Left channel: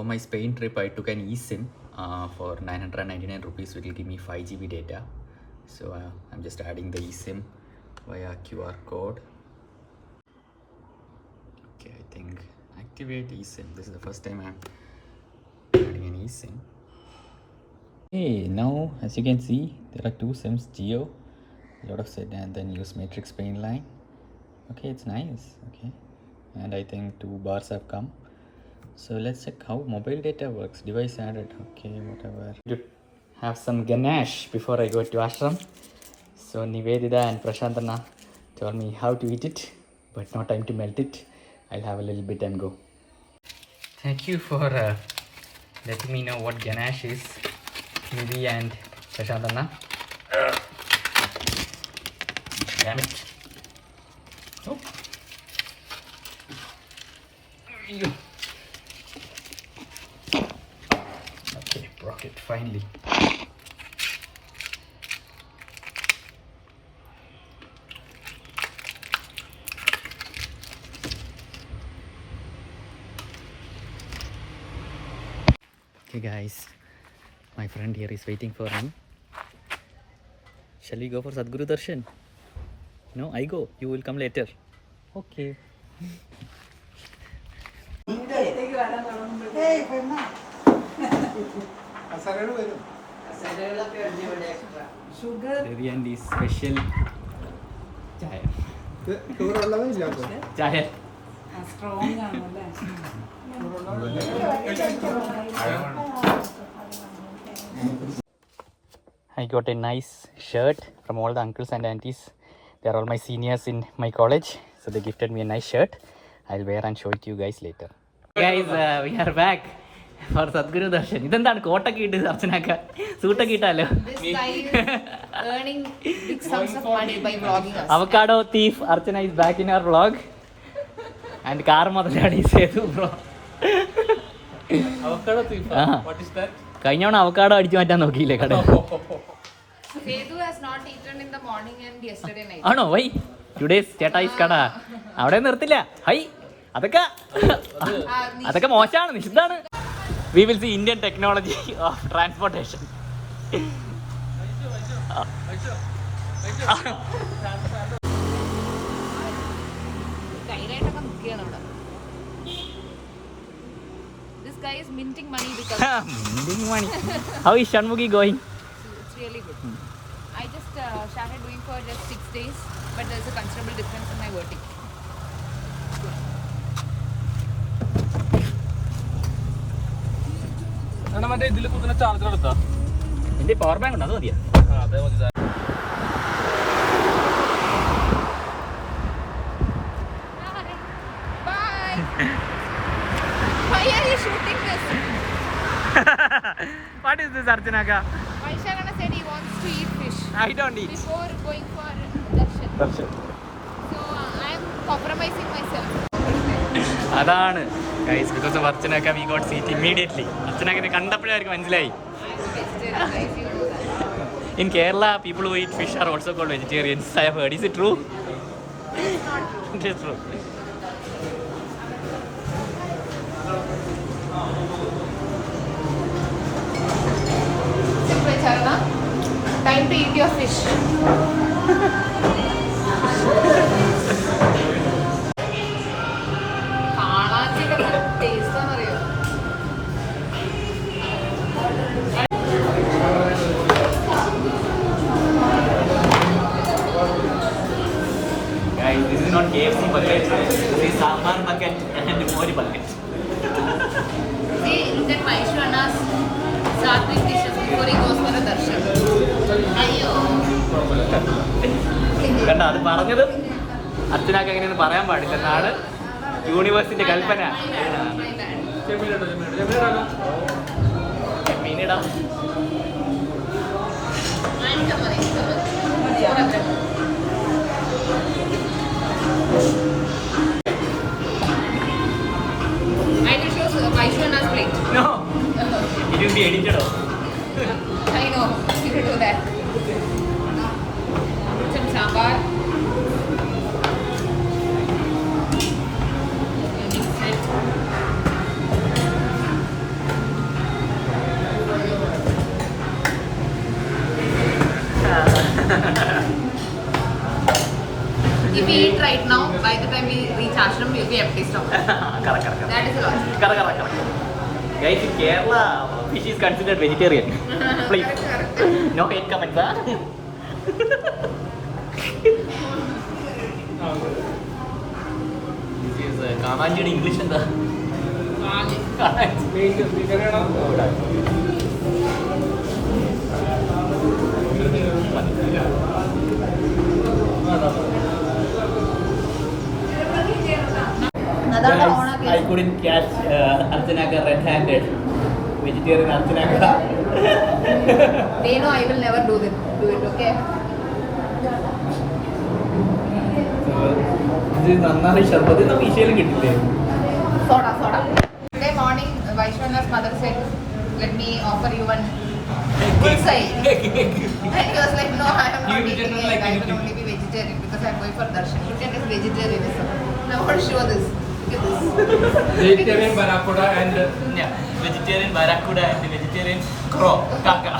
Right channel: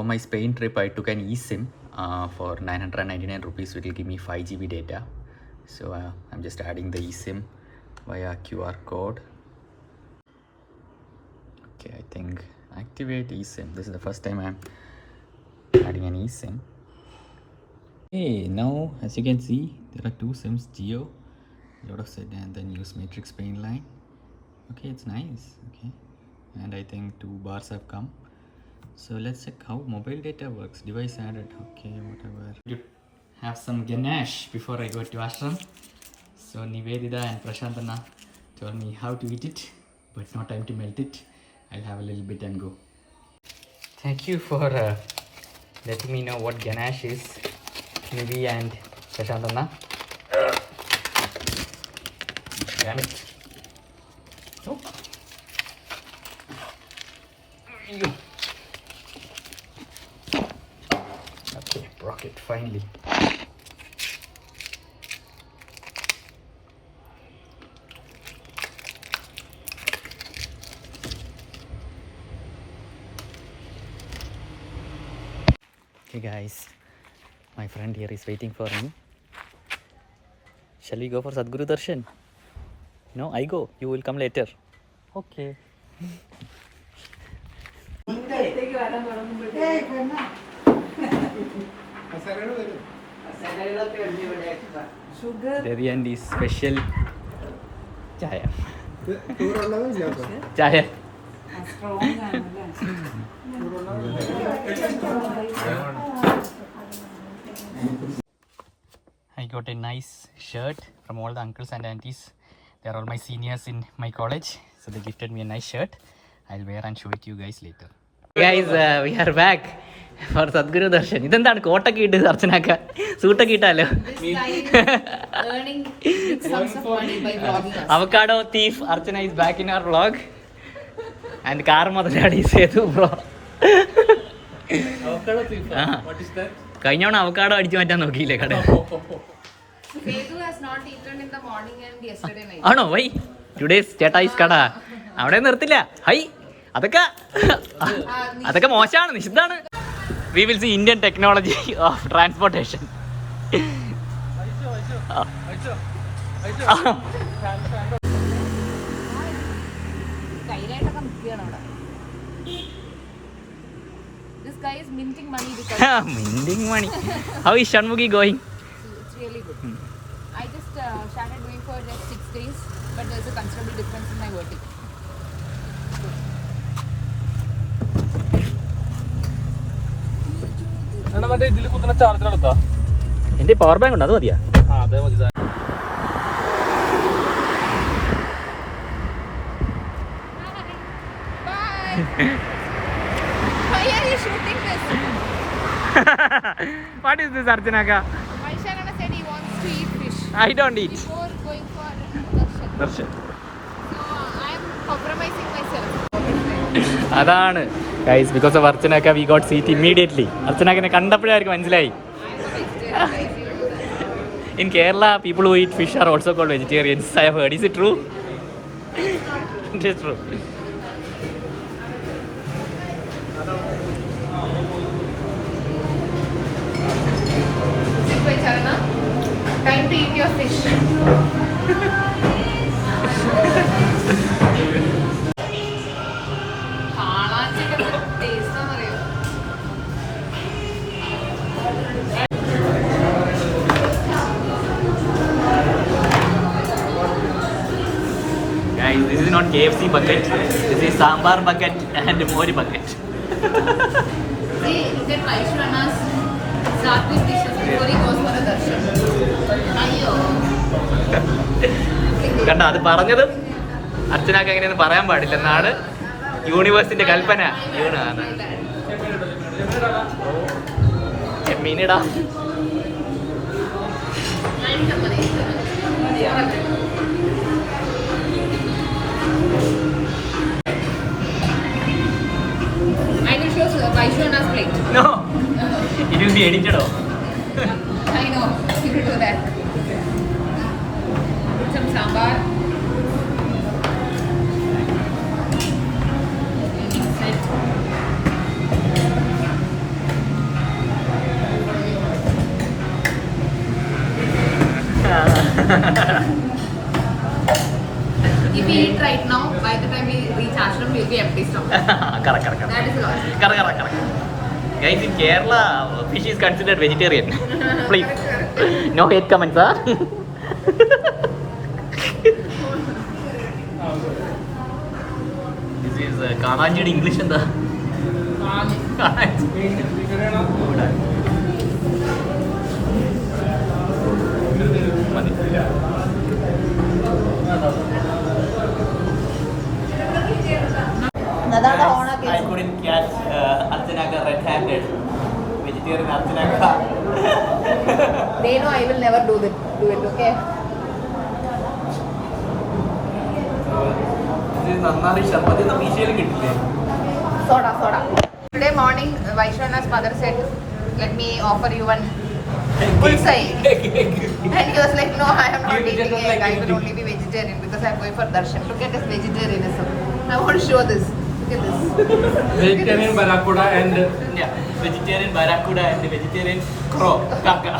For my Spain trip, I took an eSIM for 999 rupees. It will give me 5 GB data. So I'm just adding the eSIM via QR code. Okay, I think activate eSIM. This is the first time I'm adding an eSIM. Hey, now as you can see, there are two SIMs, Geo, a lot of set, and then use Matrix Spain line. Okay, it's nice. Okay, and I think 2 bars have come. So let's check how mobile data works. Device added. Okay, whatever. Have some ganache before I go to ashram. So Nivedita and Prashantana told me how to eat it, but not time to melt it. I'll have a little bit and go. Thank you for letting me know what ganache is, Nivi and Prashantana. Damn it. Oh. Okay, broke it finally. Okay guys, my friend here is waiting for me. Shall we go for Sadhguru Darshan? No, I go. You will come later. Okay. Devi special chaya. Chaya. I got a nice shirt from all the uncles and aunties. They are all my seniors in my college, so they gifted me a nice shirt. I'll wear and show it to you guys later. Guys, we are back for Sadhguru Darshan. ഇതെന്താണ് കോട്ടൊക്കെ ഇട്ട് അർച്ചനക്ക സൂട്ടൊക്കെ ഇട്ടാലോ? Avocado thief Archana is back in our vlog. And car Madhadi Sethu bro. Avocado thief? What is that? കഴിഞ്ഞവണ avocado അടിച്ചു മാറ്റാൻ നോക്കിയില്ലേ കട? Sethu has not eaten in the morning and yesterday night. ആണോ? Why today's ചേട്ടായിസ് കട അവിടെ നിർത്തില്ല. Hi അതൊക്കെ മോശമാണ്, നിഷിദ്ധാണ്. We will see Indian technology of transportation. കയ്യിലായിട്ടൊക്കെ നിൽക്കുകയാണ് അവിടെ. This guy is minting money because minting money. How is Shanmugi going? It's really good. I just started doing for just 6 days, but there's a considerable difference in my vertigo. എന്റെ power bank ഉണ്ട്, അത് മതിയാ? Bye. Why are you shooting this? What is this, Archanaka? Vaishakana said he wants to eat fish. I don't eat. Before going for darshan. So I am compromising myself. അതാണ് guys, because of അർച്ചനക്ക we got seat immediately. അർച്ചനക്കനെ കണ്ടപ്പോഴായിരിക്കും മനസ്സിലായി. In Kerala, people who eat fish are also called vegetarians. I have heard. Is it true? It is true. Time to eat your fish. Guys, this is not KFC bucket. This is sambar bucket and mori bucket. See, look at Vaishwana's Sattvic dishes before he goes for a darshan. Ayyo. കണ്ട, അത് പറഞ്ഞതും അച്ഛനൊക്കെ എങ്ങനെയൊന്ന് പറയാൻ പാടില്ല എന്നാണ് യൂണിവേഴ്സിന്റെ കൽപ്പന. ചെമ്മീനിടാ. I will show Vaishwana's plate. No, it will be edited. I know, you will do that. Some sambar. eat right now, by the time we reach ashram, we'll be empty stomach. Correct. That is the logic. Correct. Guys, in Kerala, fish is considered vegetarian. Please. Correct. No hate comments, huh? This is Kananjidi English and the. Guys, I couldn't catch Archanaga red-handed. Vegetarian Archanaga. They know I will never do it, okay? This is Nannari Sharbat. This is officially getting Soda. Today morning, Vaishwana's mother said, let me offer you one full side. And he was like, no, I am not eating egg. I will only be vegetarian because I am going for darshan. Look at this vegetarianism. I want to show this. Look at this. Vegetarian barracuda and vegetarian barracuda and vegetarian crow, kaka.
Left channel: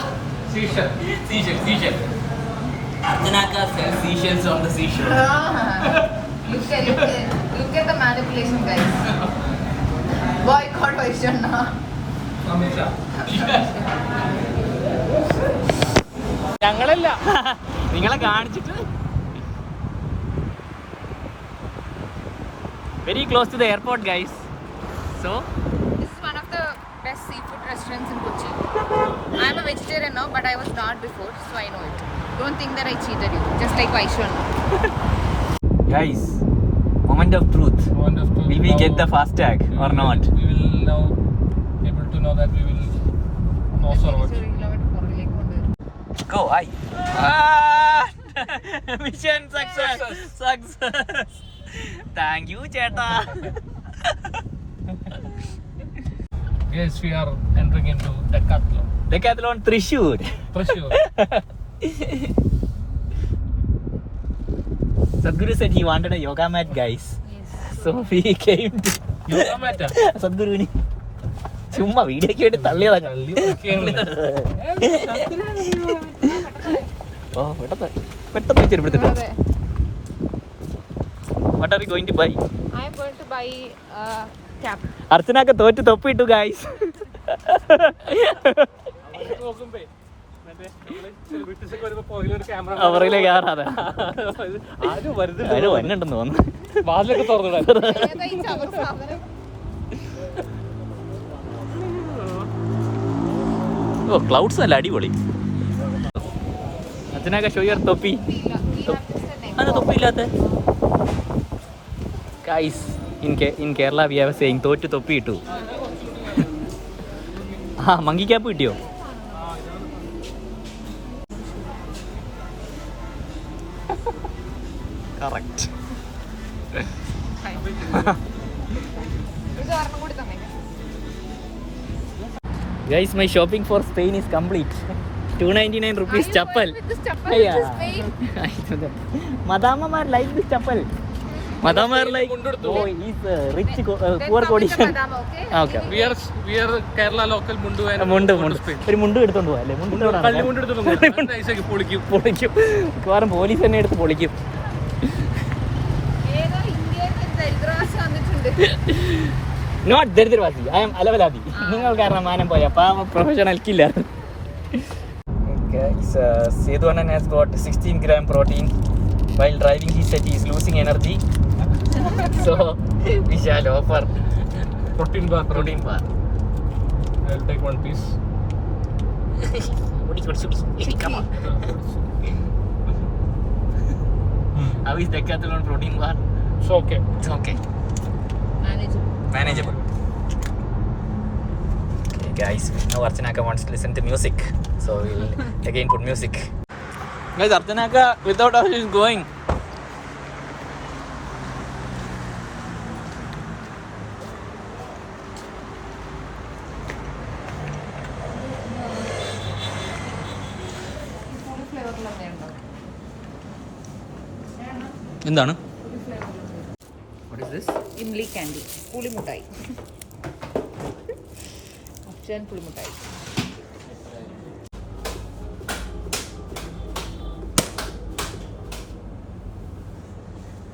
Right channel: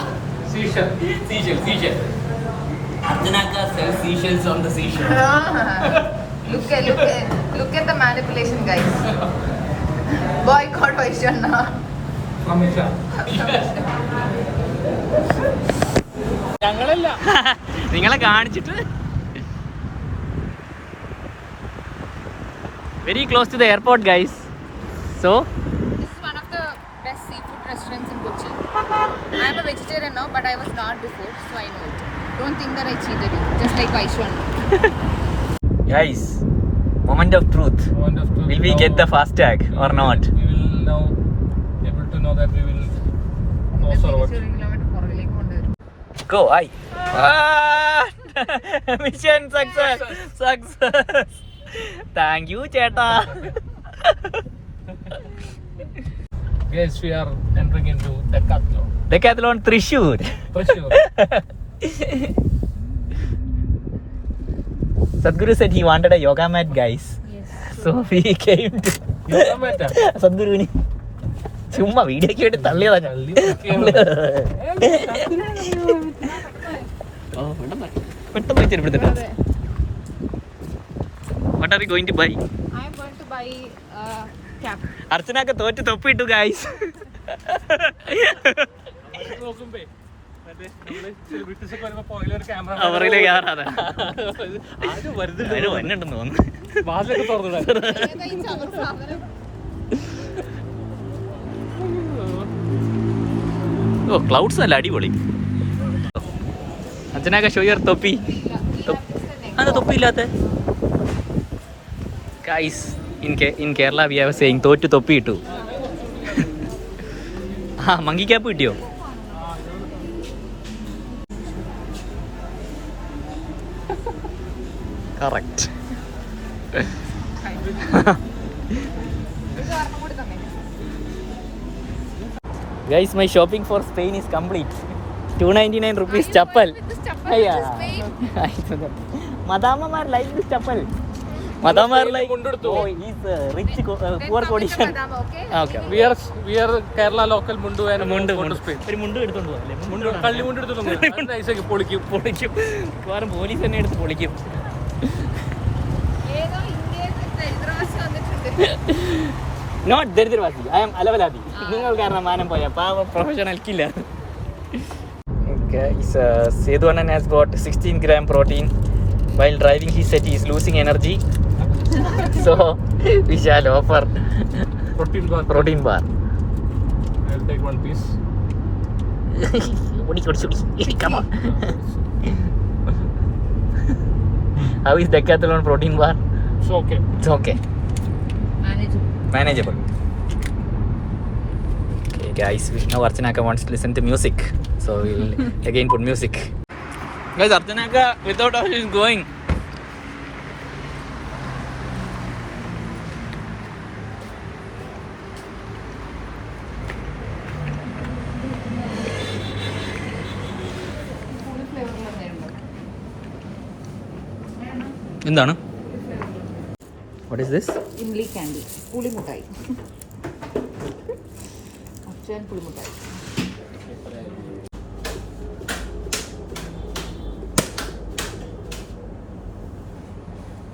seashell. Seashell. Archanaga sells seashells on the seashore. Look at the manipulation, guys. Boycott Vaishwana. Amisha. ഞങ്ങളല്ല നിങ്ങളെ കാണിച്ചിട്ട് very close to the airport, guys. So This is one of the best seafood restaurants in Kochi. I am a vegetarian now, but I was not before, so I know it. Don't think that I cheated you, just like Vaishwana. guys, moment of truth. Wonderful. Will we get the fast tag or not? We will now able to know that we will know what. Go, I. Mission success. Thank you, Cheta. Guys, we are entering into Decathlon Thrissur. for sure. Sadhguru said he wanted a yoga mat, guys. Yes. So we came to Yoga mat. Sadhguru. ചുമ്മാ video ഒക്കെ എടുത്ത് തള്ളിയതാ. ഓ പെട്ടെന്ന് ചെരുപ്പെടുത്തിട്ടോ. What are you going to buy? I am going to buy a cap. അർച്ചനൊക്കെ തോറ്റ് തൊപ്പിട്ടു guys. അവറിലെ കയറാതെ അതിന് വന്നുണ്ടെന്ന് തോന്നുന്നു. വാതിലൊക്കെ തുറന്നിടാം. ഏതാ ഈ ചവറ് സാധനം? ഓ ക്ലൗഡ്സ് നല്ല അടിപൊളി. അർച്ചനൊക്കെ ഷോ യുവർ തൊപ്പി. അത് തൊപ്പിയില്ലാത്ത guys in Kerala we have saying തോറ്റ് തൊപ്പി ഇട്ടു. ആ മങ്കി ക്യാപ്പ് കിട്ടിയോ? കറക്റ്റ്. ഇത് ഒരെണ്ണം കൂടി തന്നെ. Guys, my shopping for Spain is complete. 299 rupees chappal. With this chappal to Spain? Madamamar like this chappal. Madamar like, oh, he's rich, poor condition. Okay. We are Kerala local mundu and മുണ്ട് ഒരു മുണ്ട് എടുത്തോണ്ട് പോവാ അല്ലേ? കള്ളി മുണ്ട് എടുത്തോണ്ട് നൈസാക്കി പൊളിക്കും. മിക്കവാറും പോലീസ് തന്നെ എടുത്ത് പൊളിക്കും. ഏതോ ഇന്ത്യയിൽ ദരിദ്രവാസി വന്നിട്ടുണ്ട്. നോട്ട് ദരിദ്രവാസി, ഐ ആം അലവലാതി. നിങ്ങൾ കാരണം മാനം പോയ പാവ professional killer. Sethu Annan has got 16 gram protein. While driving he said he is losing energy. So we shall offer Protein bar. I'll take one piece. Come on. How is Decathlon protein bar? It's okay. It's okay. Manageable. Okay guys, now Archanaka wants to listen to music, so we'll again put music. Guys, Archanaka without us is going. എന്താണ്? What is this? Imli candy, പുളിമുട്ടായി. അച്ഛൻ പുളിമുട്ടായി.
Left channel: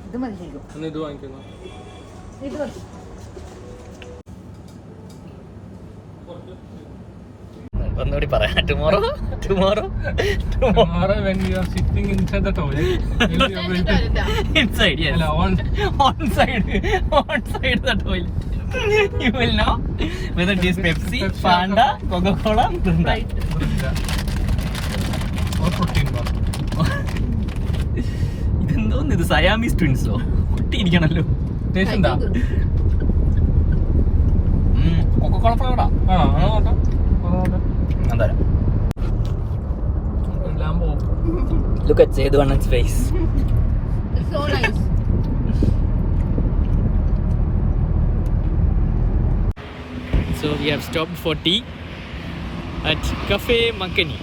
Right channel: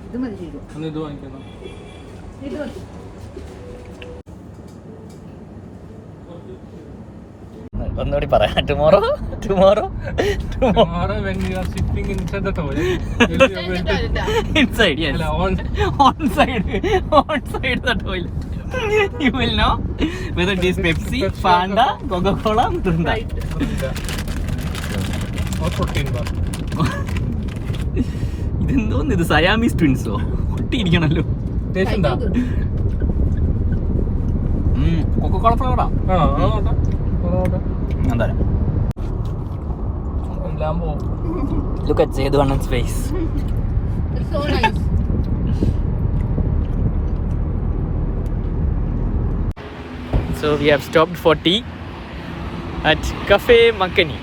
ഇത് ഒന്ന് ഇത് വാങ്ങിക്കുന്നു. ഒന്നുകൂടി പറയാം. Tomorrow Tomorrow when you are sitting inside the toilet, you are going to inside, yes. on side the toilet. You will know whether it is Pepsi, Fanta, Coca-Cola, Mirinda. or 14 bar. ഇതെന്തോന്ന് ഇത് Siamese ട്വിൻസോ ഒട്ടിയിരിക്കണല്ലോ. Taste ഉണ്ടോ? Coca Cola ഫ്ലേവറാ. എന്താ ലാംബോ. Look at Sedu Annan's face. It's so nice. So we have stopped for tea at Cafe Mankani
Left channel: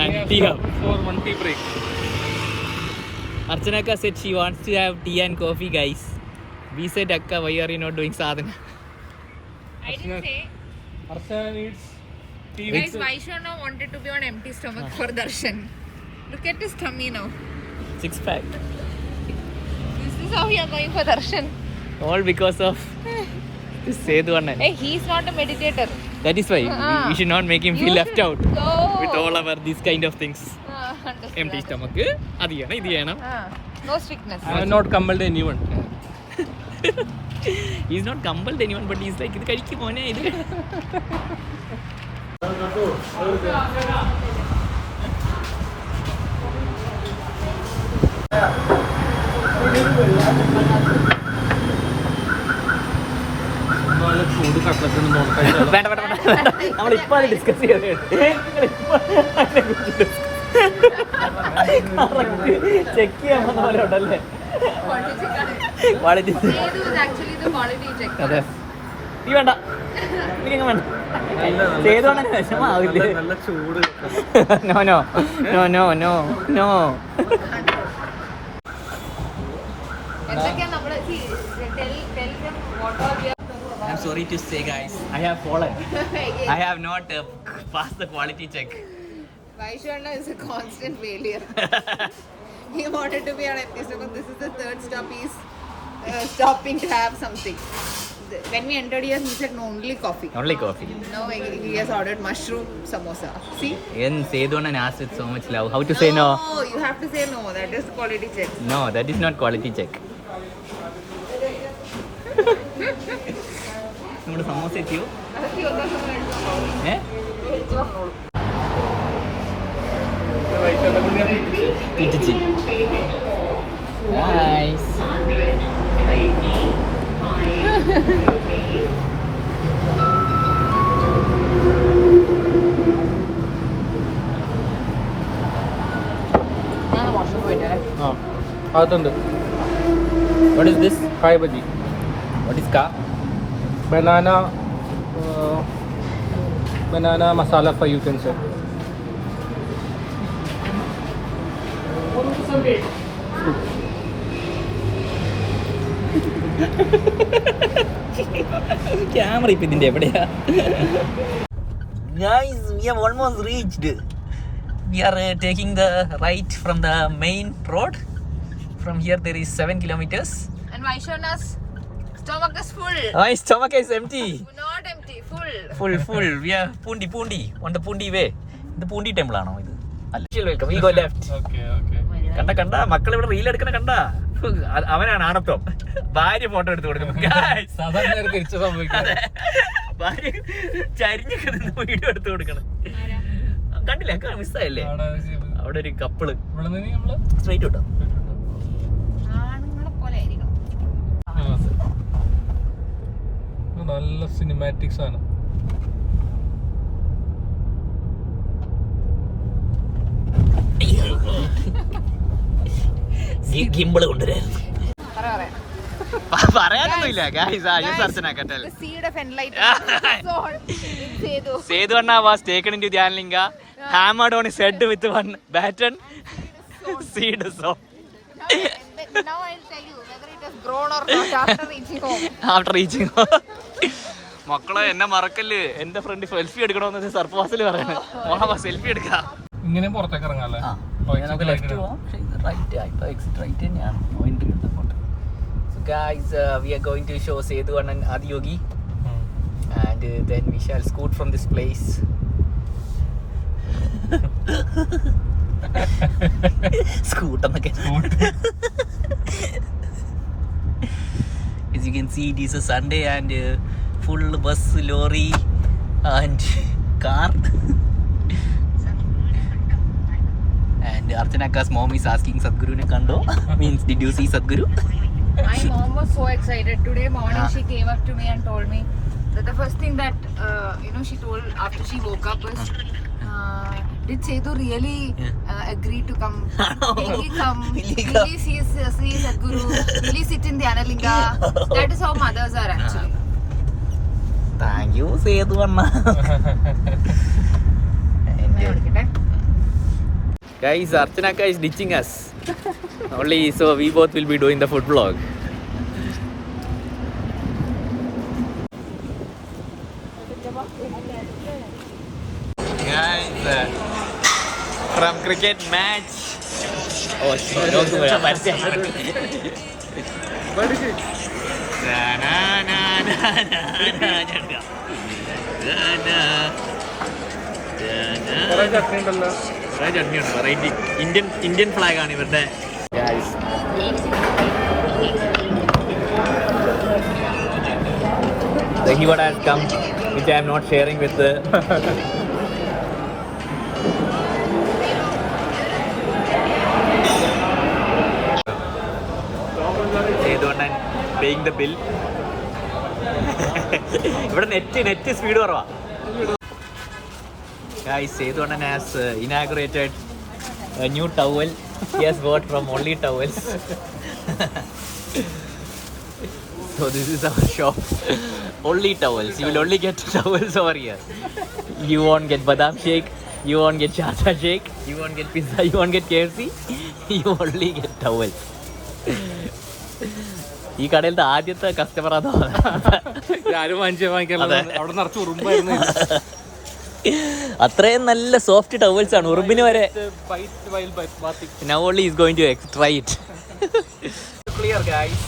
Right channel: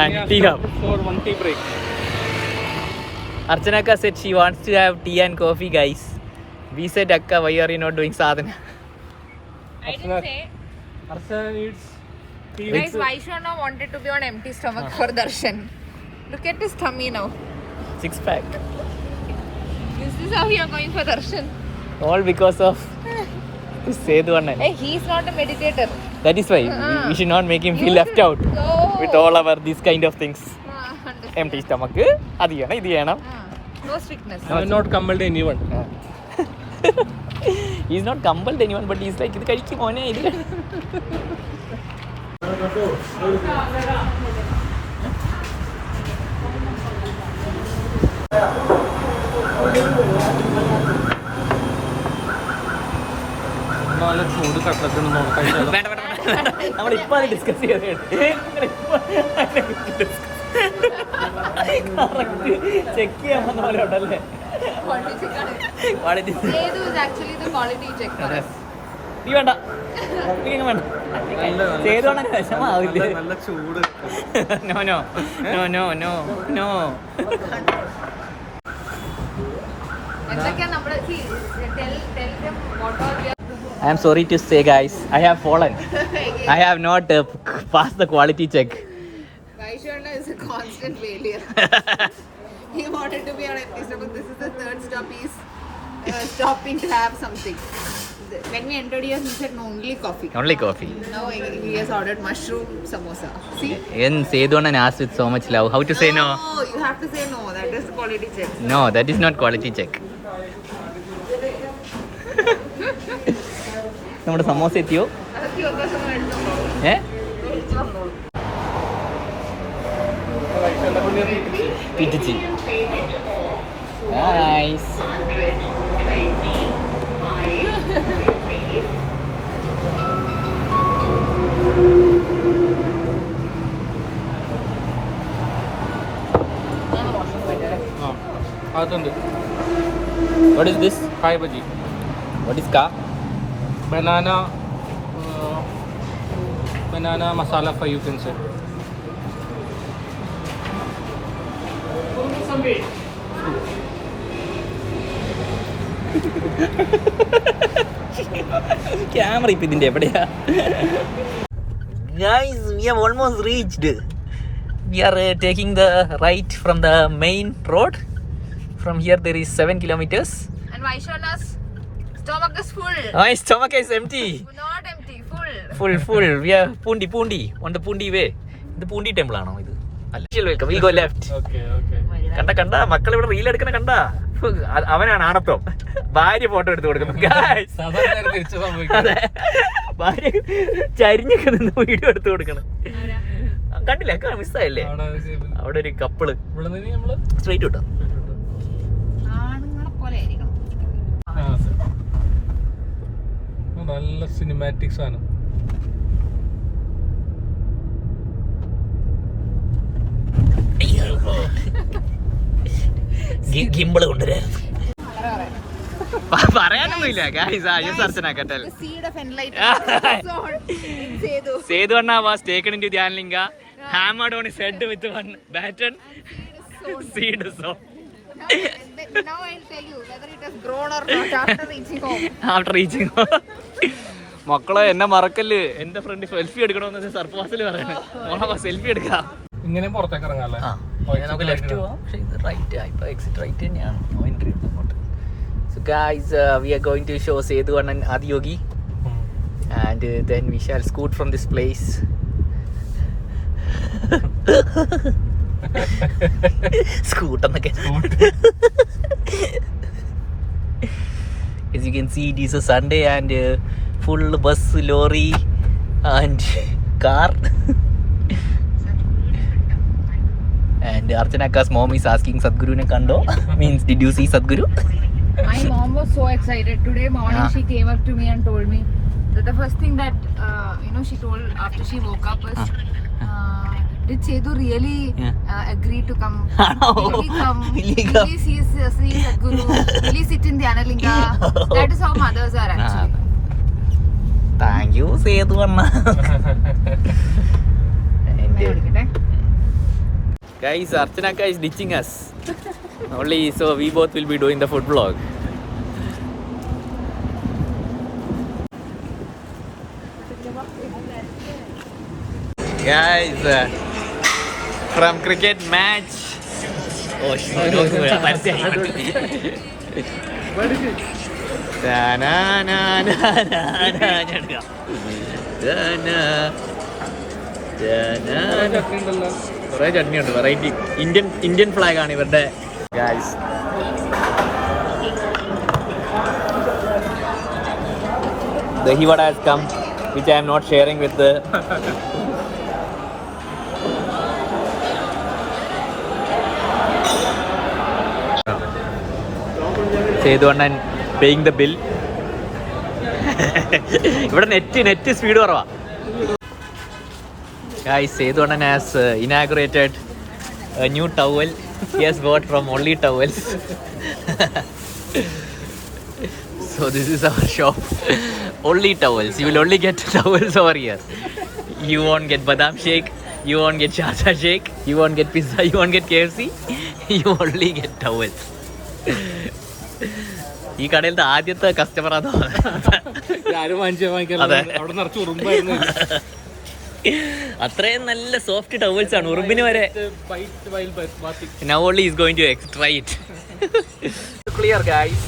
and Tea Hub. For one tea break. Archanaka said she wants to have tea and coffee, guys. We said, Akka, why are you not doing sadhana? I didn't say. Archana needs tea. Guys, Vaishwana wanted to be on empty stomach for darshan. Look at his tummy now. 6-pack. This is how we are going for darshan. All because of this Sedu Annan. Hey, he's not a meditator. That is why we should not make him feel left out with all our these kind of things. Empty stomach. അത് ചെയ്യണം, ഇത് ചെയ്യണം. No strictness. I have not compelled anyone. He's not compelled anyone, but he's like, ഇത് കഴിക്കും മോനെ, ഇത് നല്ല ചൂട് കട്ട്ലറ്റ് ഒന്ന് നോക്കാം. വേണ്ട നമ്മളിപ്പോൾ അത് ഡിസ്കസ് ചെയ്തേ. ചെക്ക് ചെയ്യാൻ വന്ന പോലെ ഉണ്ടല്ലേ quality. Sedu is actually the quality check. അതെ, നീ വേണ്ട, എനിക്കങ്ങ് വേണ്ട. ചെയ്തോണ്ടെ വിഷമാവില്ലേ? നല്ല ചൂട്. No no no no no no. എന്തൊക്കെയാണ് നമ്മള് tell them what are we are I am sorry to say, guys, I have fallen. I have not passed the quality check. Vaishwana is a constant failure. He wanted to be on empty stomach. This is the third stop he's stopping to have something. When we entered here, he said no, only coffee. Only coffee. Now he has ordered mushroom samosa. See? And Sedu Annan asked with so much love. How to say no? No, you have to say no. That is quality check. No, that is not quality check. നമ്മുടെ സമോസ എത്തിയോ? ഏ പിടിച്ച്. Nice. അതുണ്ട്. What is this? കായ് bajji. What is ka? banana masala fry, you can say. Camera ഇപ്പം ഇതിൻ്റെ എവിടെയാ? Guys, we have almost reached. We are taking the right from the main road. From here there is 7 kilometers. And Vaishwana's stomach is full. My stomach is empty. Not empty, full. Full. We are Pundi. On the Pundi way. ഇത് Poondi temple ആണോ ഇത്? അല്ല. Welcome. We go left. Okay. കണ്ട മക്കൾ ഇവിടെ reel എടുക്കണ കണ്ട. അവനാണ് ആണത്വം. ഭാര്യ ഫോട്ടോ എടുത്ത് കൊടുക്കുന്നു. സാധാരണ തിരിച്ചു സംഭവിക്കുന്നത്. ഭാര്യ ചരിഞ്ഞൊക്കെ നിന്ന് വീഡിയോ എടുത്ത് കൊടുക്കണം. കണ്ടില്ല, മിസ്സായല്ലേ? അവിടെ ഒരു കപ്പിള് സ്ട്രൈറ്റ് കിട്ടോ. ആണുങ്ങളെ പോലെ ആയിരിക്കണം. നല്ല സിനിമാറ്റിക്സ് ആണ്. ഗിംബിള് കൊണ്ടുവരായിരുന്നു. പറയാനൊന്നുമില്ല. The seed of enlightenment in Sedu. Sedu Anna was taken into Dhyanlinga, hammered on his head with one baton, seed sown. Now I'll tell you whether it has grown or not after reaching home. After reaching home. മക്കളെ എന്നെ മറക്കല്ല്, എന്റെ front selfie എടുക്കണമെന്ന് സർപ്രൈസിൽ പറയണേ. മോളെ selfie എടുക്കാം. ഇങ്ങനെ പുറത്തേക്ക് ഇറങ്ങാല്ലേ? നമുക്ക് ലെഫ്റ്റ് പോവാം. പക്ഷേ ഇത് റൈറ്റ്, ഇപ്പൊ എക്സിറ്റ് റൈറ്റ് തന്നെയാണ്. നോ എൻട്രി അങ്ങോട്ട്. So guys, we are going to show Sethu and Adiyogi, and then we shall scoot from this place. Scoot on the As you can see, it is a Sunday and full bus, lorry and car. And Archanaka's mom is asking Sadhguru ne kando. Means, did you see Sadhguru? My mom was so excited. Today morning she came up to me and told me that the first thing that she told after she woke up was, did Sethu really agree to come? Will he come? Will he see Sadhguru? Will he sit in the Analinga? That is how mothers are actually. Thank you, Sethu Anna. Guys, Archanaka is ditching us. Only so we both will be doing the food vlog. Guys, from cricket match. Oh, no, കുറേ ചട്നി ഉണ്ട്. Variety Indian flag ആണ് ഇവരുടെ. Guys, the Hivada has come, which I am not sharing with the Sethu Annan paying the bill. ഇവിടെ net speed കുറവാ. Guys, Sethu Annan has inaugurated a new towel. He has bought from Only Towels. So this is our shop. Only Towels. You will only get towels over here. You won't get badam shake. You won't get charcha shake. You won't get pizza. You won't get KFC. You only get towels. ഈ കടയിലത്തെ ആദ്യത്തെ customer അതോ അത്രയും നല്ല soft towels ആണ്, ഉറുമ്പിന് വരെ. Now only is going to try it. Clear, guys.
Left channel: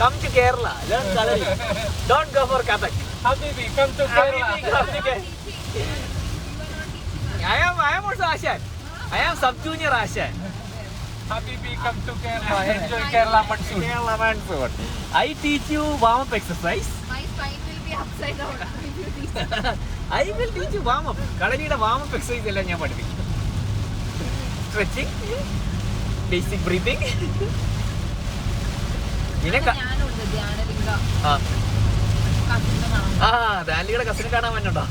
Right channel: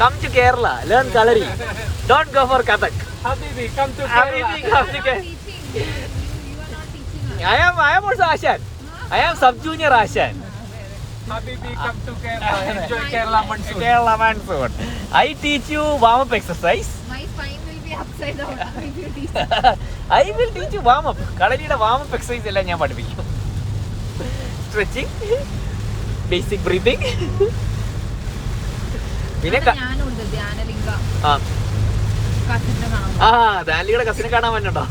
Come to Kerala, learn coloring. Don't go for Kathak. Habibi, come to Kerala. I am also Ashan. I am sub-junior Ashan. Habibi, come to Kerala. Enjoy Kerala monsoon. I teach you warm-up exercise. My spine will be upside down if you teach. I will teach you warm-up. കടലിയുടെ warm-up exercise എല്ലാം ഞാൻ പഠിപ്പിക്കും. Stretching, basic breathing. പിന്നെ ഞാനുണ്ട് ധ്യാനലിംഗ ധ്യാനലിയുടെ കസിനെ കാണാൻ പറ്റുണ്ടോ?